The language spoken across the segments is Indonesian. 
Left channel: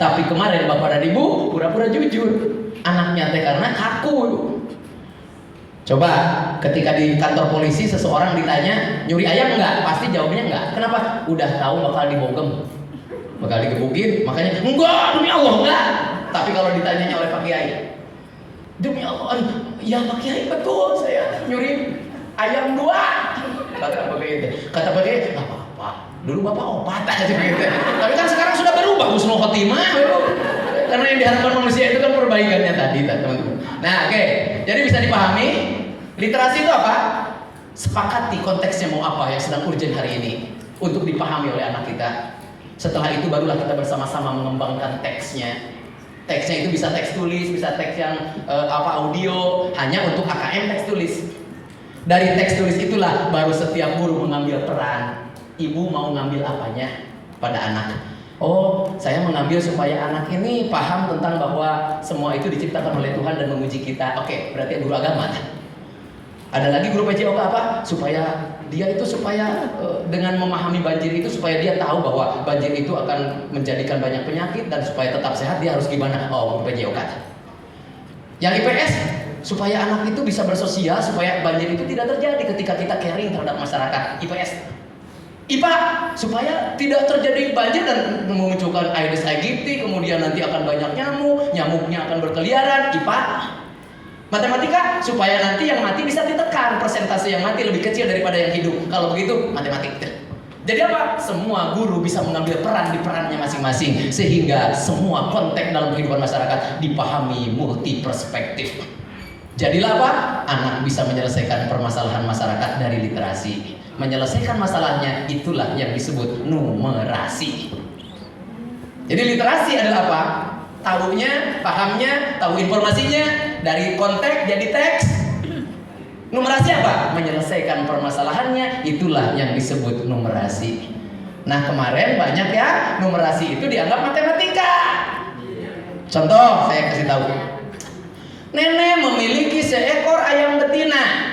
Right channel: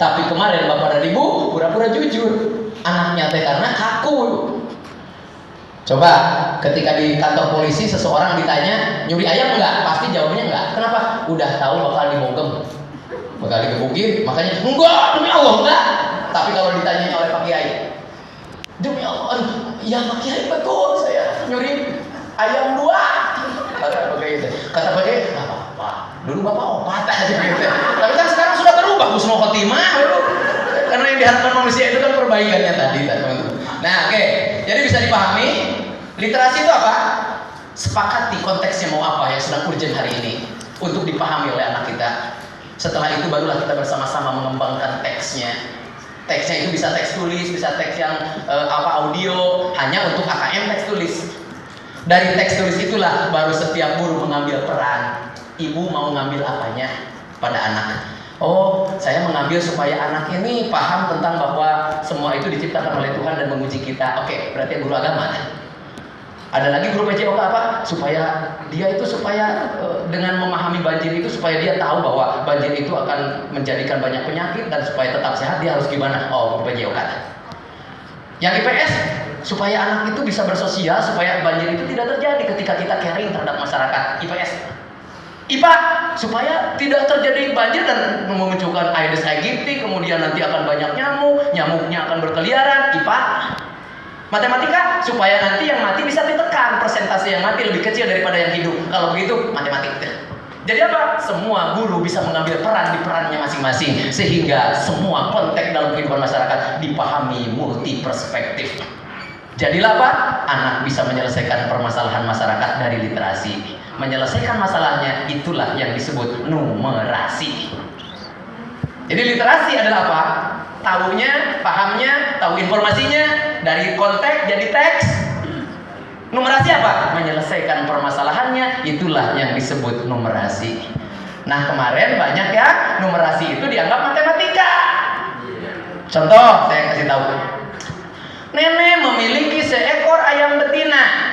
Tapi kemarin bapak dan ibu pura-pura jujur. Anaknya teh karena kaku. Coba ketika di kantor polisi seseorang ditanya nyuri ayam enggak, pasti jawabnya enggak. Kenapa? Udah tahu bakal dibogem, bakal digebukin, makanya enggak, demi Allah enggak. Tapi kalau ditanya oleh Pak Kiai, demi Allah, ya Pak Kiai betul saya nyuri ayam 2. Kata Pak Kiai, nggak apa-apa, dulu bapak opat aja gitu. Tapi kan sekarang sudah berubah, husnul khotimah baru. Karena yang diharapkan manusia itu kan perbaikannya tadi kan teman-teman. Nah oke, jadi bisa dipahami literasi itu apa? Sepakati konteksnya mau apa yang sedang urgent hari ini untuk dipahami oleh anak kita. Setelah itu barulah kita bersama-sama mengembangkan teksnya. Teksnya itu bisa teks tulis, bisa teks yang audio, hanya untuk AKM teks tulis. Dari teks tulis itulah baru setiap guru mengambil peran. Ibu mau ngambil apanya pada anak? Oh, saya mengambil supaya anak ini paham tentang bahwa semua itu diciptakan oleh Tuhan dan menguji kita. Oke, berarti guru agama. Ada lagi guru PJOK apa? Supaya dia itu dengan memahami banjir itu supaya dia tahu bahwa banjir itu akan menjadikan banyak penyakit dan supaya tetap sehat dia harus gimana? Oh, guru PJOK. Yang IPS supaya anak itu bisa bersosial supaya banjir itu tidak terjadi ketika kita caring terhadap masyarakat. IPS. IPA supaya tidak terjadi banjir dan memunculkan Aedes aegypti, kemudian nanti akan banyak nyamuk, nyamuknya akan berkeliaran. IPA. Matematika supaya nanti yang mati bisa ditekan, persentase yang mati lebih kecil daripada yang hidup. Kalau begitu matematika. Jadi apa? Semua guru bisa mengambil peran di perannya masing-masing sehingga semua konteks dalam kehidupan masyarakat dipahami multi perspektif. Jadilah apa? Anak bisa menyelesaikan permasalahan masyarakat dari literasi. Menyelesaikan masalahnya itulah yang disebut numerasi. Jadi literasi adalah apa? Tahunya, pahamnya, tahu informasinya dari konteks jadi teks. Numerasi apa? Menyelesaikan permasalahannya, itulah yang disebut numerasi. Nah kemarin banyak ya numerasi itu dianggap matematika. Contoh saya kasih tahu. Nenek memiliki seekor ayam betina.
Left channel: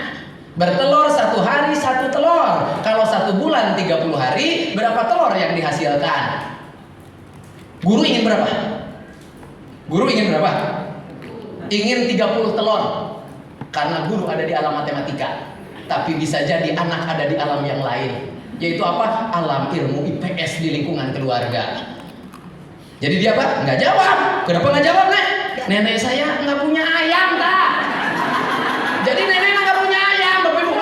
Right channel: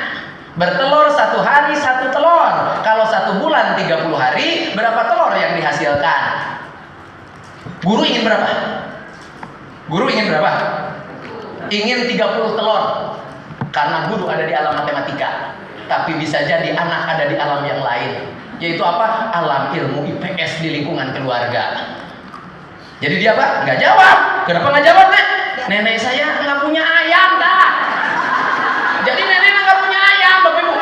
Bertelur 1 hari 1 telur. Kalau 1 bulan 30 hari, berapa telur yang dihasilkan? Guru ingin berapa? Guru ingin berapa? Ingin 30 telur. Karena guru ada di alam matematika. Tapi bisa jadi anak ada di alam yang lain. Yaitu apa? Alam ilmu IPS di lingkungan keluarga. Jadi dia apa? Nggak jawab. Kenapa nggak jawab, Nek? Nenek saya nggak punya ayam, dah. Jadi nenek nggak punya ayam, Bapak Ibu.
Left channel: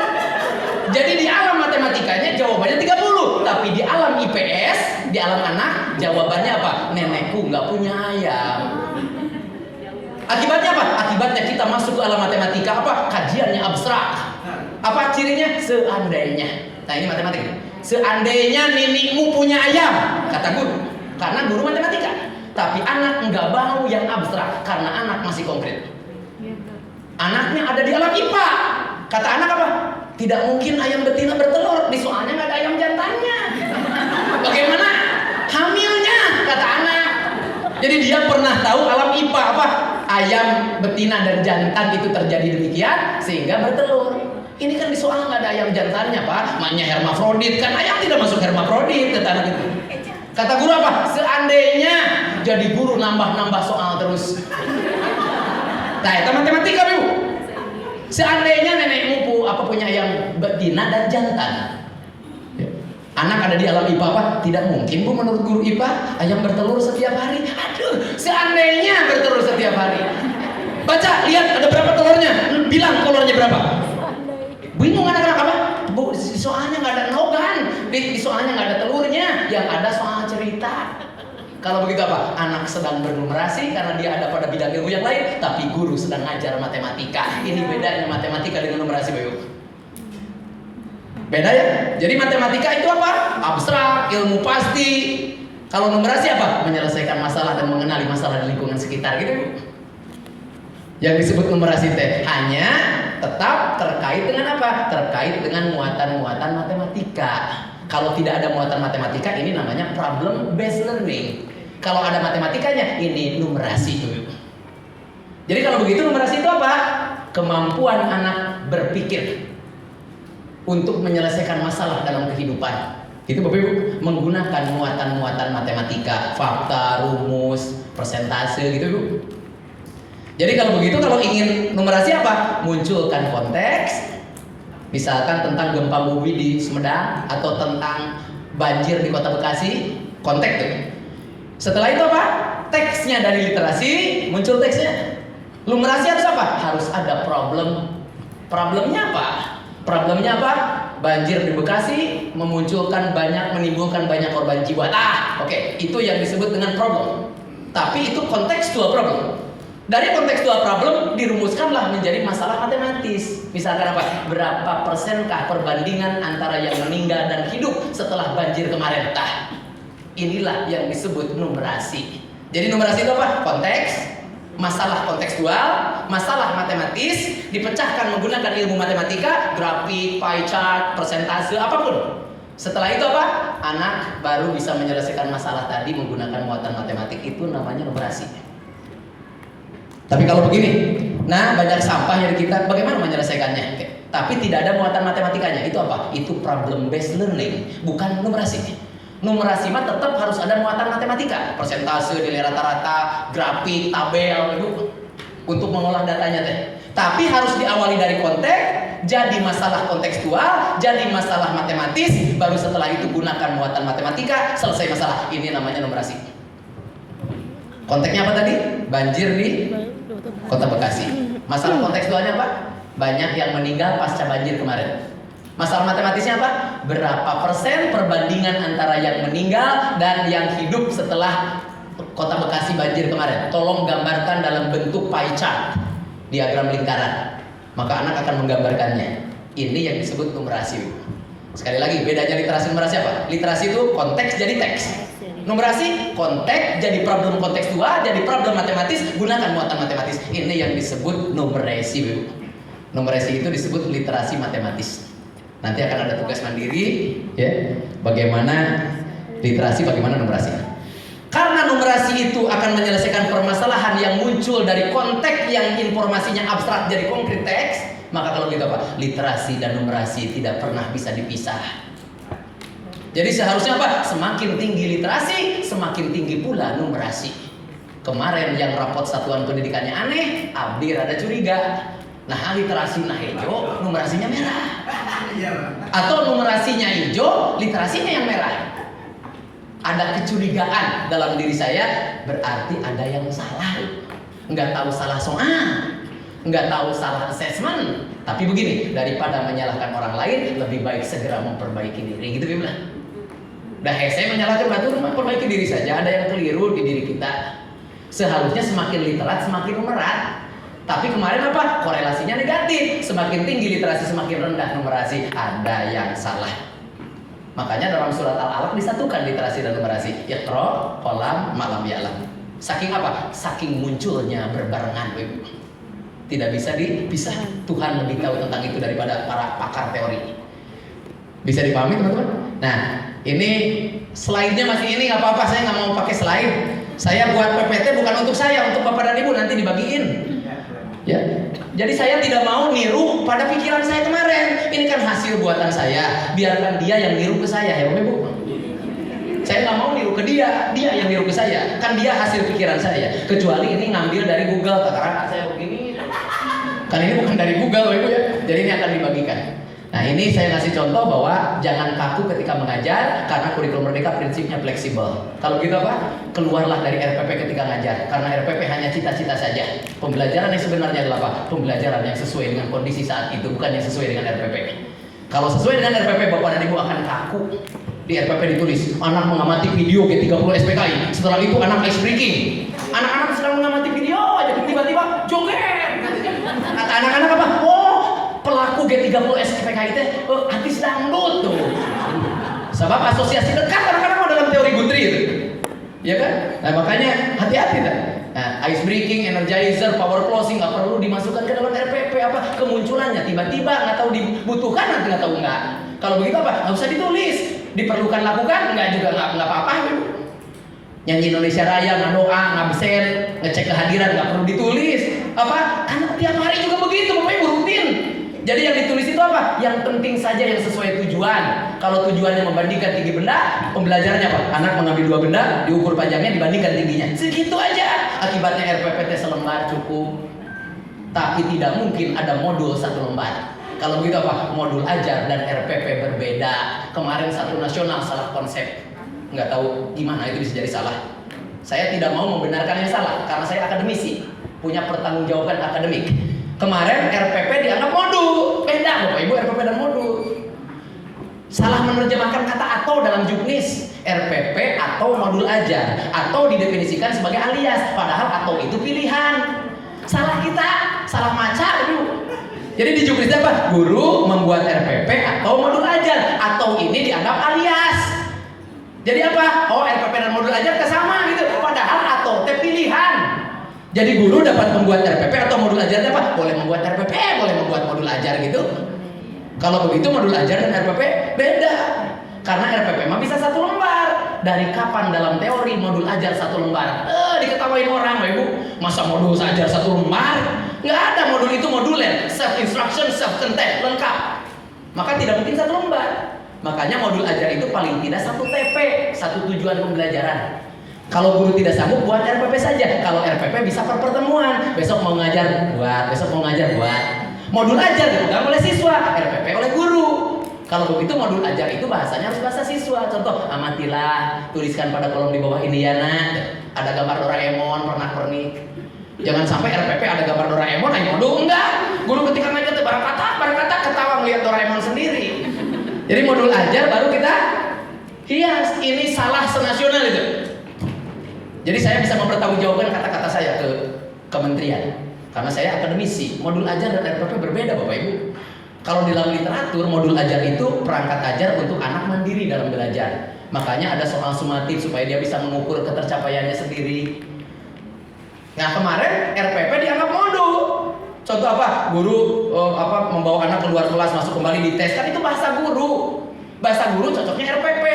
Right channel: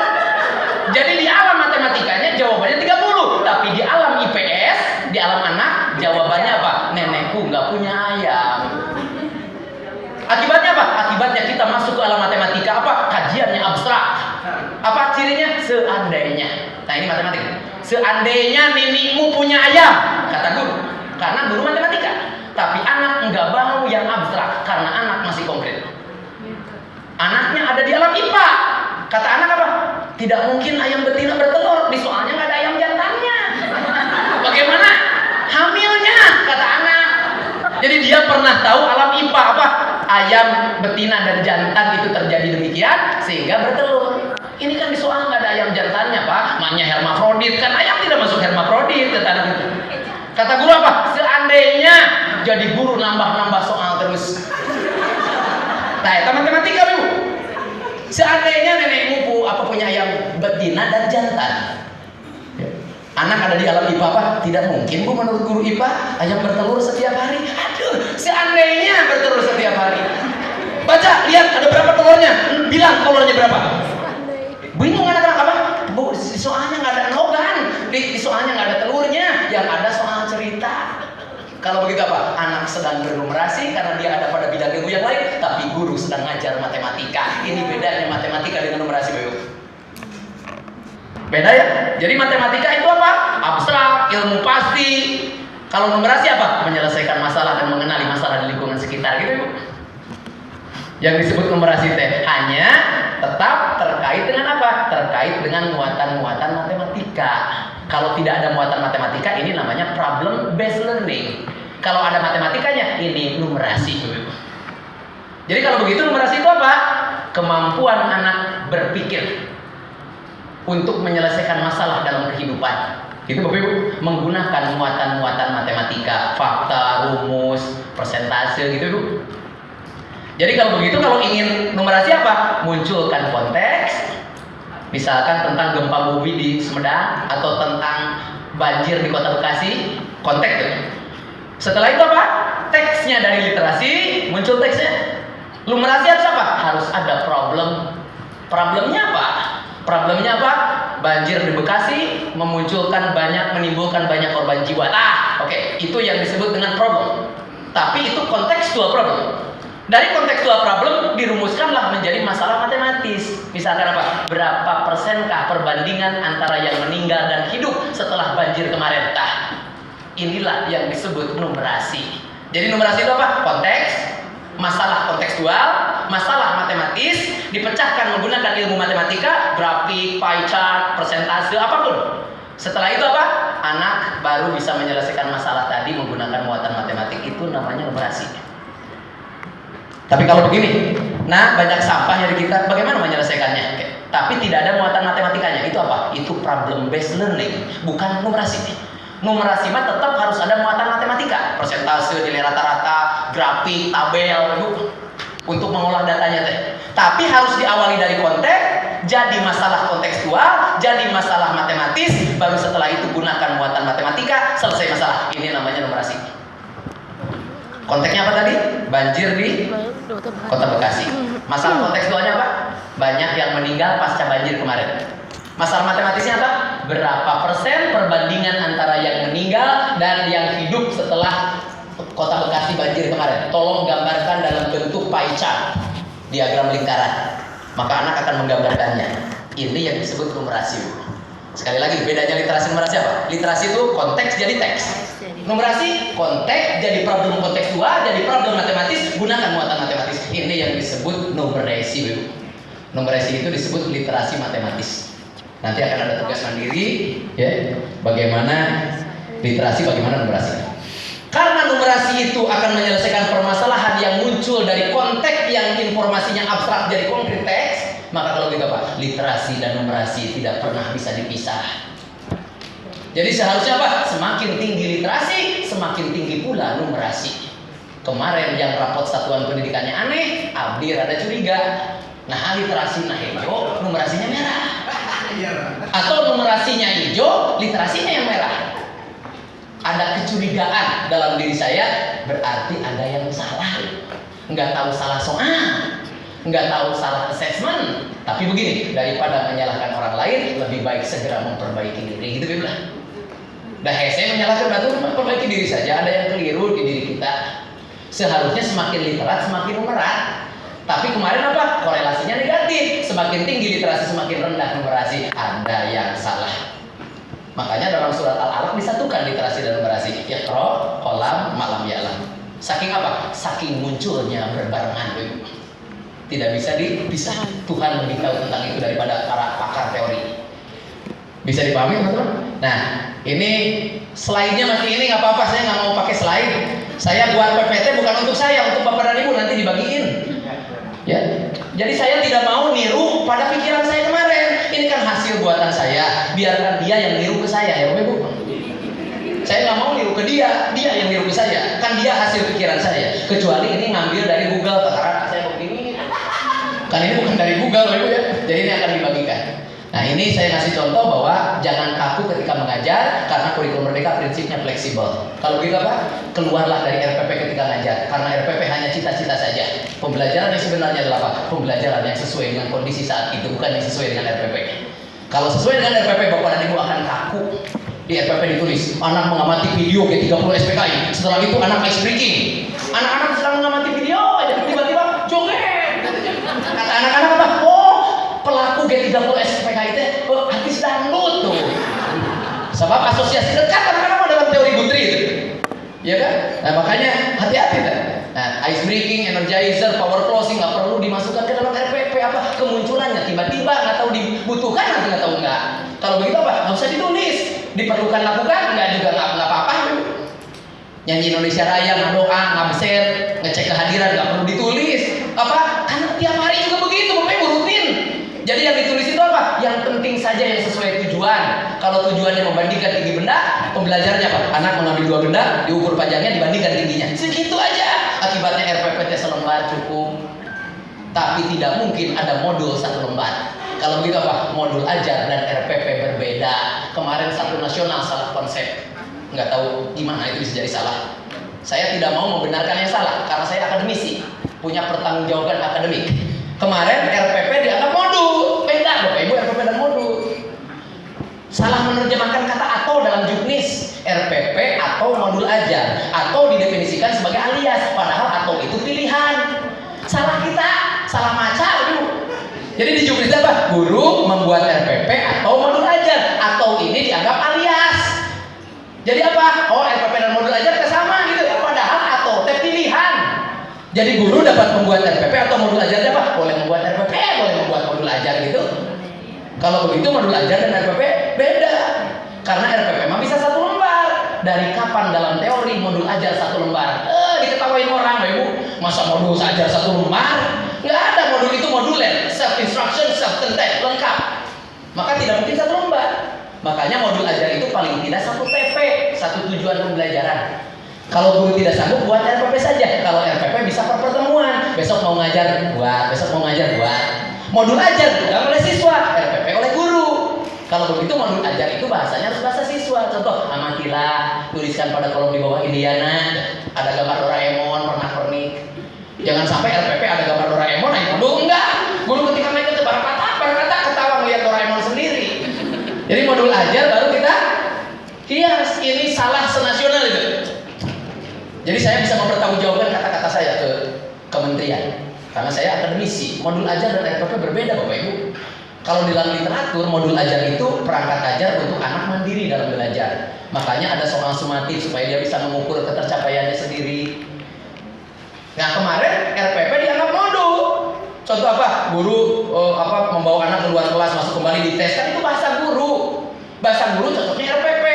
Jadi di alam matematikanya jawabannya 30. Tapi di alam IPS, di alam anak, jawabannya apa? Nenekku nggak punya ayam. Akibatnya apa? Akibatnya kita masuk ke alam matematika apa? Kajiannya abstrak. Apa cirinya? Seandainya. Nah ini matematika. Seandainya nenekmu punya ayam, kata guru. Karena guru matematika. Tapi anak nggak mau yang abstrak karena anak masih konkret. Anaknya ada di alam IPA. Kata anak apa? Tidak mungkin ayam betina bertelur. Di soalnya nggak ada ayam jantannya. Bagaimana hamilnya? Kata anak. Jadi dia pernah tahu alam IPA apa? Ayam betina dan jantan itu terjadi demikian sehingga bertelur. Ini kan di soal nggak ada ayam jantannya, Pak. Maknya hermafrodit kan ayam tidak masuk hermafrodit. Kata anak itu. Kata guru apa? Seandainya. Jadi guru nambah-nambah soal terus. Nah, itu matematika, Ibu. Seandainya nenekmu punya ayam betina dan jantan. Anak ada di alam IPA apa? Tidak mungkin, Bu, menurut guru IPA ayam bertelur setiap hari. Aduh, seandainya bertelur setiap hari. Baca, lihat ada berapa telurnya. Bilang telurnya berapa. Bingung anak-anak apa? Bu, di soalnya nggak ada nogan. Di soalnya nggak ada telurnya. Yang ada soal cerita. Kalau begitu apa? Anak sedang bernumerasi karena dia ada pada bidang ilmu yang lain, tapi guru sedang ngajar matematika. Ini bedanya matematika dengan numerasi, Bapak. Beda ya? Jadi matematika itu apa? Abstrak, ilmu pasti. Kalau numerasi apa? Menyelesaikan masalah dan mengenali masalah di lingkungan sekitar, gitu, Ibu. Yang disebut numerasi teh hanya tetap terkait dengan apa? Terkait dengan muatan-muatan matematika. Kalau tidak ada muatan matematika, ini namanya problem based learning. Kalau ada matematikanya, ini numerasi. Jadi kalau begitu numerasi itu apa? Kemampuan anak berpikir untuk menyelesaikan masalah dalam kehidupan. Itu Bapak Ibu menggunakan muatan-muatan matematika, fakta, rumus, persentase gitu Ibu. Jadi kalau begitu, kalau ingin numerasi apa? Munculkan konteks. Misalkan tentang gempa bumi di Sumedang atau tentang banjir di Kota Bekasi, konteks tuh. Setelah itu apa? Teksnya dari literasi, muncul teksnya. Numerasi harus apa? Harus ada problem. Problemnya apa? Problemnya apa? Banjir di Bekasi menimbulkan banyak korban jiwa. Oke, itu yang disebut dengan problem. Tapi itu kontekstual problem. Dari kontekstual problem dirumuskanlah menjadi masalah matematis. Misalkan apa? Berapa persenkah perbandingan antara yang meninggal dan hidup setelah banjir kemarin? Inilah yang disebut numerasi. Jadi numerasi itu apa? Konteks, masalah kontekstual, masalah matematis, dipecahkan menggunakan ilmu matematika, grafik, pie chart, persentase, apapun. Setelah itu apa? Anak baru bisa menyelesaikan masalah tadi menggunakan muatan matematik. Itu namanya numerasi. Tapi kalau begini, banyak sampah dari kita, bagaimana menyelesaikannya? Tapi tidak ada muatan matematikanya. Itu apa? Itu problem based learning, bukan numerasi. Numerasi mah tetap harus ada muatan matematika, persentase, nilai rata-rata, grafik, tabel, untuk mengolah datanya teh. Tapi harus diawali dari konteks, jadi masalah kontekstual, jadi masalah matematis, baru setelah itu gunakan muatan matematika, selesai masalah. Ini namanya numerasi. Konteksnya apa tadi? Banjir di Kota Bekasi. Masalah kontekstualnya apa? Banyak yang meninggal pasca banjir kemarin. Masalah matematisnya apa? Berapa persen perbandingan antara yang meninggal dan yang hidup setelah Kota Bekasi banjir kemarin? Tolong gambarkan dalam bentuk pie chart, diagram lingkaran. Maka anak akan menggambarkannya. Ini yang disebut numerasi. Sekali lagi, bedanya literasi numerasi apa? Literasi itu konteks jadi teks. Numerasi konteks jadi problem kontekstual, jadi problem matematis, gunakan muatan matematis. Ini yang disebut numerasi. Numerasi itu disebut literasi matematis. Nanti akan ada tugas mandiri, ya, bagaimana literasi, bagaimana numerasi. Karena numerasi itu akan menyelesaikan permasalahan yang muncul dari konteks yang informasinya abstrak jadi konkret teks, maka kalau gitu apa? Literasi dan numerasi tidak pernah bisa dipisah. Jadi seharusnya apa? Semakin tinggi literasi, semakin tinggi pula numerasi. Kemarin yang rapot satuan pendidikannya aneh, abdi rada curiga. Nah, literasi hijau, numerasinya merah. Atau numerasinya hijau, literasinya yang merah. Ada kecurigaan dalam diri saya, berarti ada yang salah. Nggak tahu salah soal, nggak tahu salah assessment. Tapi begini, daripada menyalahkan orang lain, lebih baik segera memperbaiki diri. Gitu bilang. Saya menyalahkan batu, memperbaiki diri saja. Ada yang keliru di diri kita. Seharusnya semakin literat, semakin numerat. Tapi kemarin apa? Korelasinya negatif. Semakin tinggi literasi, semakin rendah numerasi. Ada yang salah. Makanya dalam surat Al-Alaq disatukan literasi dan numerasi. Iqra, qalam, ma'lam ya'lam. Saking apa? Saking munculnya berbarengan. Tidak bisa dipisah. Tuhan lebih tahu tentang itu daripada para pakar teori. Bisa dipahami teman-teman? Nah, ini slide-nya masih ini nggak apa-apa, saya nggak mau pakai slide. Saya buat PPT bukan untuk saya, untuk Bapak dan Ibu nanti dibagiin. Ya, jadi saya tidak mau niru pada pikiran saya kemarin. Ini kan hasil buatan saya, biarkan dia yang niru ke saya ya Bapak Ibu. Saya nggak mau niru ke dia yang niru ke saya. Kan dia hasil pikiran saya. Kecuali ini ngambil dari Google, katakan saya begini. Kan ini bukan dari Google Bapak Ibu ya. Jadi ini akan dibagikan. Nah, ini saya kasih contoh bahwa jangan kaku ketika mengajar, karena kurikulum merdeka prinsipnya fleksibel. Kalau gitu apa? Keluarlah dari RPP ketika ngajar, karena RPP hanya cita-cita saja. Pembelajaran yang sebenarnya adalah apa? Pembelajaran yang sesuai dengan kondisi saat itu, bukan yang sesuai dengan RPP. Kalau sesuai dengan RPP, Bapak dan Ibu akan kaku. Di RPP ditulis, anak mengamati video G30 SPKI. Setelah itu anak ice breaking. Anak-anak sedang mengamati video, aja tiba-tiba joget. Kata anak-anak apa? Pelaku G30 SPKI itu habis dangdut tuh. Sebab asosiasi dekat kadang-kadang dalam teori Guthrie itu. Ya kan? Nah, makanya hati-hati kan. Nah, ice breaking, energizer, power closing nggak perlu dimasukkan ke dalam RPP apa? Kemunculannya tiba-tiba nggak tahu dibutuhkan, nanti nggak tahu nggak. Kalau begitu apa? Nggak usah ditulis. Diperlukan lakukan, nggak juga nggak apa-apa. Nyanyi Indonesia Raya, ngedoa, ngabsen, ngecek kehadiran nggak perlu ditulis. Apa? Karena tiap hari juga begitu, Bapak Ibu rutin. Jadi yang ditulis itu apa? Yang penting saja yang sesuai tujuan. Kalau tujuannya membandingkan tinggi benda, pembelajarannya apa? Anak mengambil 2 benda, diukur panjangnya, dibandingkan tingginya. Segitu aja. Akibatnya RPPT selembar cukup. Tapi tidak mungkin ada modul 1 lembar. Kalau begitu apa? Modul ajar dan RPP berbeda. Kemarin 1 nasional salah konsep. Nggak tahu gimana itu bisa jadi salah. Saya tidak mau membenarkan yang salah karena saya akademisi, punya pertanggungjawaban akademik. Kemarin RPP dianggap modul, beda Bapak Ibu RPP dan modul. Salah menerjemahkan kata atau dalam juknis. RPP atau modul ajar, atau didefinisikan sebagai alias, padahal atau itu pilihan. Salah kita, salah maca Bu. Jadi di juknis apa? Guru membuat RPP atau modul ajar, atau ini dianggap alias. Jadi apa? Oh, RPP dan modul ajar sama gitu. Padahal atau pilihan. Jadi guru dapat membuat RPP atau modul ajarnya apa? Boleh membuat RPP, boleh membuat modul ajar gitu. Kalau begitu modul ajar dan RPP beda. Karena RPP mah bisa 1 lembar. Dari kapan dalam teori modul ajar 1 lembar? Diketawain orang, Ibu. Masa modul ajar 1 lembar? Nggak ada, modul itu moduler, self instruction, self content, lengkap. Maka tidak mungkin 1 lembar. Makanya modul ajar itu paling tidak 1 TP, 1 tujuan pembelajaran. Kalau guru tidak sanggup, buat RPP saja. Kalau RPP bisa per pertemuan. Besok mau ngajar, buat. Besok mau ngajar, buat. Modul ajar bukan oleh siswa, RPP oleh guru. Kalau begitu modul ajar itu bahasanya harus bahasa siswa. Contoh, amatilah, tuliskan pada kolom di bawah Indiana. Ada gambar Doraemon, pernak-pernik. Jangan sampai RPP ada gambar Doraemon, ayo modul enggak. Guru ketika naik ke barang kata ketawa ngeliat Doraemon sendiri. Jadi modul ajar baru kita hias. Ini salah senasional itu. Jadi saya bisa mempertanggungjawabkan kata-kata saya ke kementerian karena saya akademisi. Modul ajar dan RPP berbeda Bapak Ibu. Kalau di dalam literatur modul ajar itu perangkat ajar untuk anak mandiri dalam belajar. Makanya ada soal sumatif supaya dia bisa mengukur ketercapaiannya sendiri. Nah kemarin RPP dianggap modul. Contoh apa? Guru membawa anak keluar kelas masuk kembali dites, kan itu bahasa guru. Bahasa guru cocoknya RPP.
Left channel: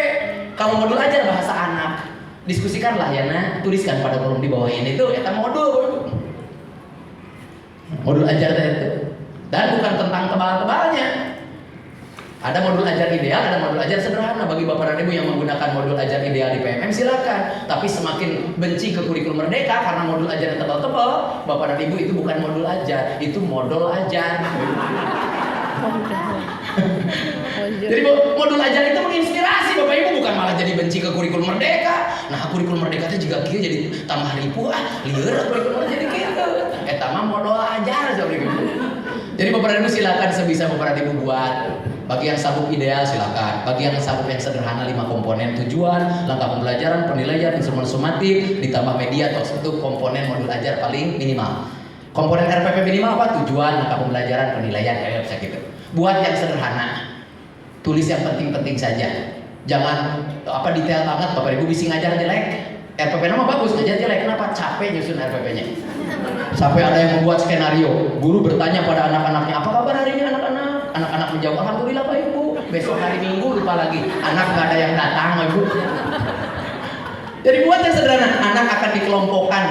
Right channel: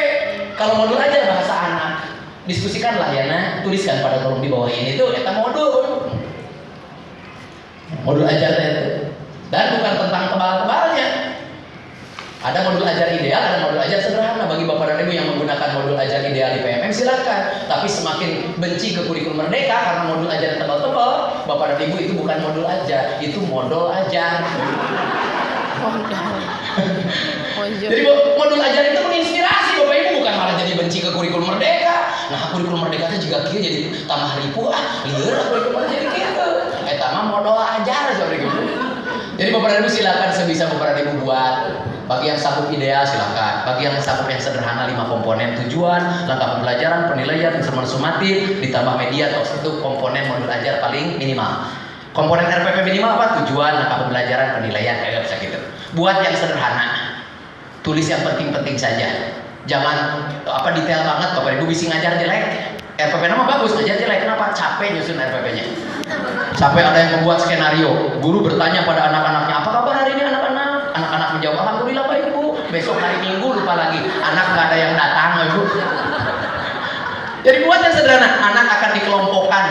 Kalau modul ajar bahasa anak. Diskusikanlah ya nah, tuliskan pada kolom di bawah ini tuh eta modul. Modul ajar itu. Dan bukan tentang tebal-tebalnya. Ada modul ajar ideal, ada modul ajar sederhana. Bagi Bapak dan Ibu yang menggunakan modul ajar ideal di PMM silakan. Tapi semakin benci ke kurikulum merdeka karena modul ajar tebal-tebal, Bapak dan Ibu itu bukan modul ajar, itu modal ajar. Jadi modul ajar itu menginspirasi Bapak Ibu, bukan malah jadi benci ke kurikulum merdeka. Nah kurikulum merdeka itu juga kieu jadi tambah ribu lieur kurikulum jadi gitu. Eta mah modal ajar seperti gitu. Jadi Bapak dan Ibu silakan sebisa Bapak dan Ibu buat. Bagi yang sanggup ideal silakan. Bagi yang sanggup yang sederhana 5 komponen tujuan, langkah pembelajaran, penilaian, instrumen sumatif, ditambah media atau itu komponen modul ajar paling minimal. Komponen RPP minimal apa? Tujuan, langkah pembelajaran, penilaian, kayak bisa gitu. Buat yang sederhana. Tulis yang penting-penting saja. Jangan detail banget Bapak Ibu bisa ngajar jelek. RPP nama bagus, ngajar jelek. Kenapa? Capek nyusun RPP-nya. Sampai ada yang membuat skenario. Guru bertanya pada anak-anaknya, apa kabar hari ini anak-anak? Anak-anak menjawab, alhamdulillah Pak Ibu. Besok hari Minggu lupa lagi. Anak nggak ada yang datang, Ibu. Jadi buat yang sederhana, anak akan dikelompokkan.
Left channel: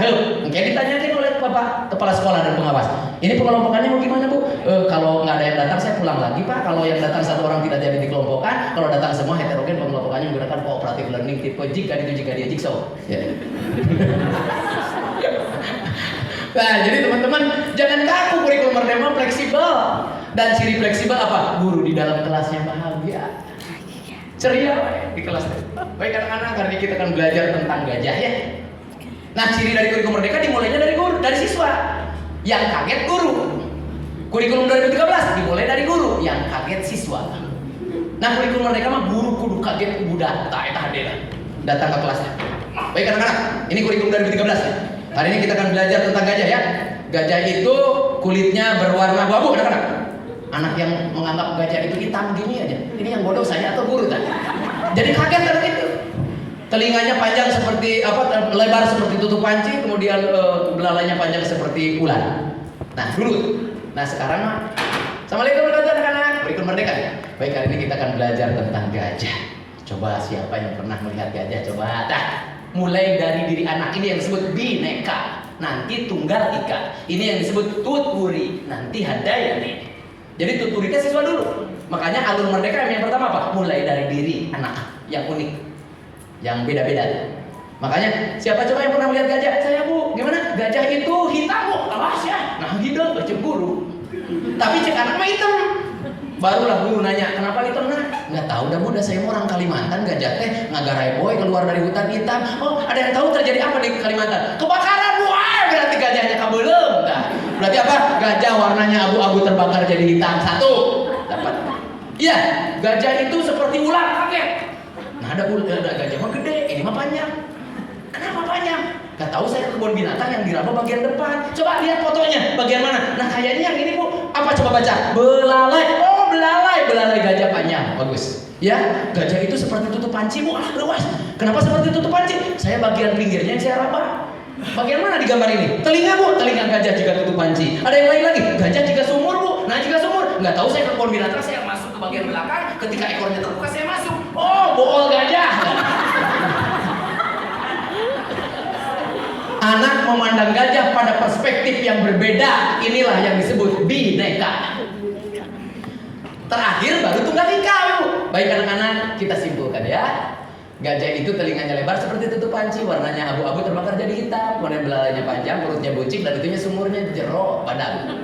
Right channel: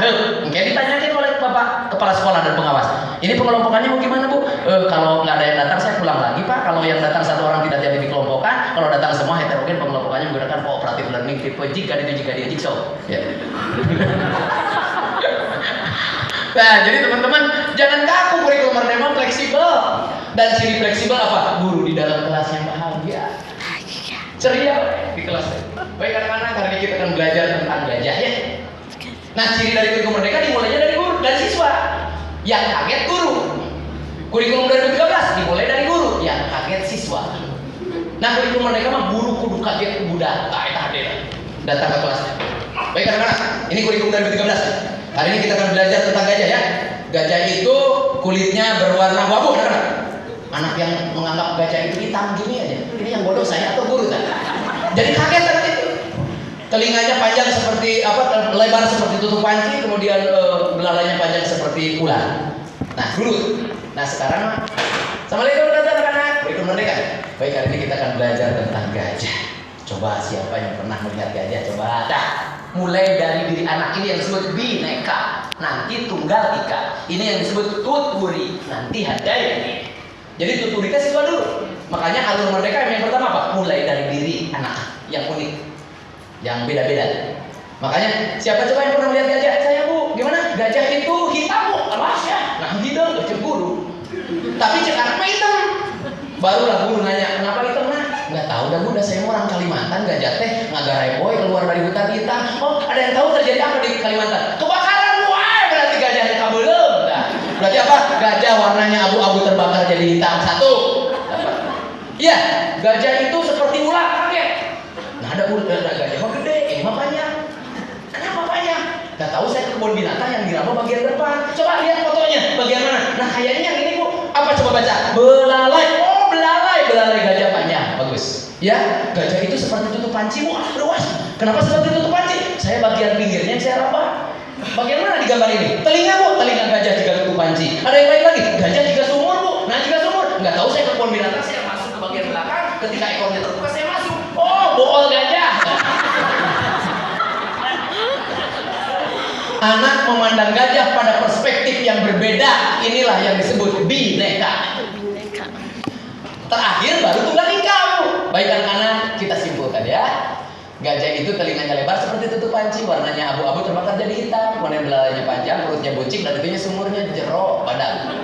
Mungkin ditanyakan oleh Bapak Kepala Sekolah dan pengawas. Ini pengelompokannya mau gimana Bu? Kalau nggak ada yang datang saya pulang lagi Pak. Kalau yang datang 1 orang tidak jadi dikelompokkan. Kalau datang semua heterogen, pengelompokannya menggunakan cooperative learning tipe jika dia jigsaw. Ya. Nah, jadi teman-teman jangan kaku, kurikulum merdeka fleksibel. Dan ciri fleksibel apa? Guru di dalam kelasnya bahagia, ceria di kelas. Baik anak-anak, hari ini kita akan belajar tentang gajah ya. Nah, ciri dari kurikulum merdeka dimulainya dari guru, dari siswa. Yang kaget guru. Kurikulum 2013 dimulai dari guru, yang kaget siswa. Nah, kurikulum merdeka mah guru kudu kaget budak, tak eta hadir datang ke kelasnya. Baik anak-anak, ini kurikulum 2013. Hari ini kita akan belajar tentang gajah ya. Gajah itu kulitnya berwarna abu-abu, anak-anak. Anak yang menganggap gajah itu hitam gini aja. Ini yang bodoh saya atau guru kan? Jadi kaget kan itu. Telinganya panjang seperti lebar seperti tutup panci, kemudian belalainya panjang seperti ular. Nah, guru. Nah, sekarang Assalamualaikum anak-anak. Berikut merdeka. Baik, hari ini kita akan belajar tentang gajah. Coba siapa yang pernah melihat gajah? Coba dah. Mulai dari diri anak ini yang disebut bineka, nanti tunggal ika. Ini yang disebut tuturi, nanti hadayani. Jadi tuturitas siswa dulu. Makanya alur merdeka yang pertama apa? Mulai dari diri anak yang unik, yang beda-beda. Makanya siapa coba yang pernah melihat gajah? Saya bu, gimana? Gajah itu hitam bu, awas ya. Nah hidung cemburu. Tapi cek anak mah hitam. Barulah guru nanya, kenapa hitam nak? Nggak tahu dah bu, dah saya orang Kalimantan, gajah teh ngagarai boy keluar dari hutan hitam. Oh ada yang tahu terjadi apa di Kalimantan? Kebakaran bu, berarti gajahnya kabelum. Berarti apa? Gajah warnanya abu-abu terbakar jadi hitam. Satu. Iya, gajah itu seperti ular, kaget. Nah ada gajah mah gede, ini mah panjang. Kenapa panjang? Gak tahu, saya ke kebun binatang yang di Rama bagian depan. Coba lihat fotonya, bagian mana? Nah kayaknya yang ini bu, apa coba baca? Belalai. Oh belalai gajah panjang, bagus. Ya, gajah itu seperti tutup panci bu, luas. Kenapa seperti tutup panci? Saya bagian pinggirnya yang saya raba. Bagian mana di gambar ini? Telinga bu, telinga gajah jika tutup panci. Ada yang lain lagi? Gajah jika sumur bu. Nah jika sumur, nggak tahu, saya ke kebun binatang, saya masuk ke bagian belakang. Ketika ekornya terbuka, saya masuk. Oh, bool gajah. Anak memandang gajah pada perspektif yang berbeda. Inilah yang disebut bineka. Terakhir baru tunggal ika bu. Baik anak-anak, kita simpulkan ya. Gajah itu telinganya lebar seperti tutup panci, warnanya abu-abu terbakar jadi hitam, kemudian belalainya panjang, perutnya buncing, dan itunya sumurnya jeruk badan.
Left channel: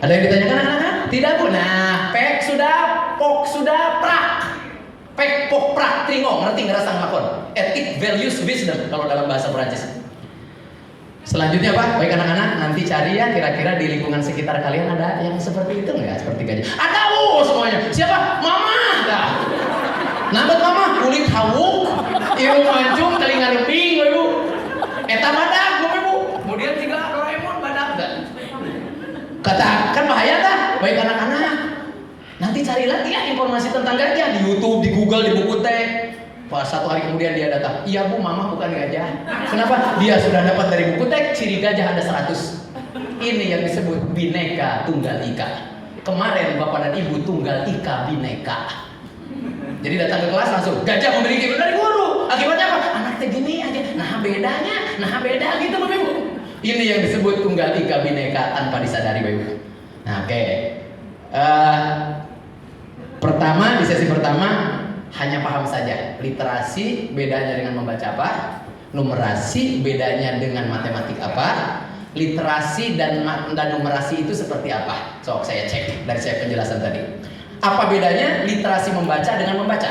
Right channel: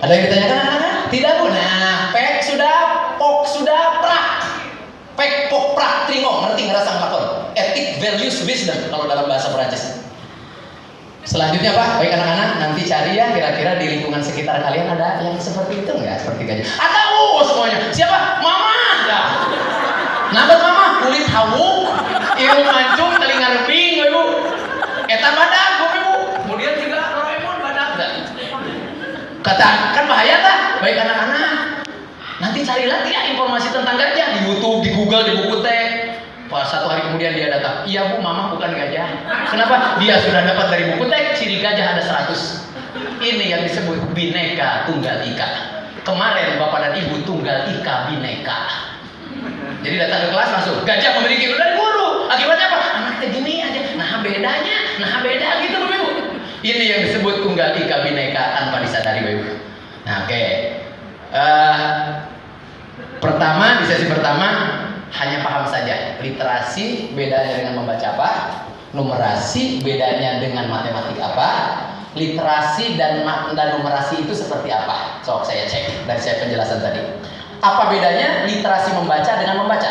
Ada yang ditanyakan anak-anak? Tidak bu. Nah, pek sudah, pok sudah, prak. Pek, pok, prak, tringo, ngerti ngerasa ngakon. Ethic, values, wisdom kalau dalam bahasa Perancis. Selanjutnya apa? Baik anak-anak, nanti cari ya kira-kira di lingkungan sekitar kalian ada yang seperti itu nggak? Seperti gajah? Ada bu semuanya. Siapa? Mama. Nah. Nambah mama kulit hawu, irung mancung, telinga rebing, bu. Eta badak, bu. Kemudian tiga Doraemon badak. Kata kan bahaya kan? Baik anak-anak, nanti cari lagi ya informasi tentang gajah di YouTube, di Google, di buku teh. Pas satu hari kemudian dia datang, iya bu, mama bukan gajah. Kenapa? Dia sudah dapat dari buku teh ciri gajah ada 100. Ini yang disebut bineka tunggal ika. Kemarin bapak dan ibu tunggal ika bineka. Jadi datang ke kelas langsung gajah memiliki dari guru. Akibatnya apa? Anak teh gini aja. Nah bedanya, nah beda gitu bu. Ini yang disebut tunggal ika bineka tanpa disadari bu. Nah oke. Pertama di sesi pertama hanya paham saja literasi bedanya dengan membaca apa, numerasi bedanya dengan matematik apa, literasi dan numerasi itu seperti apa. Sok saya cek dari saya penjelasan tadi. Apa bedanya literasi membaca dengan membaca?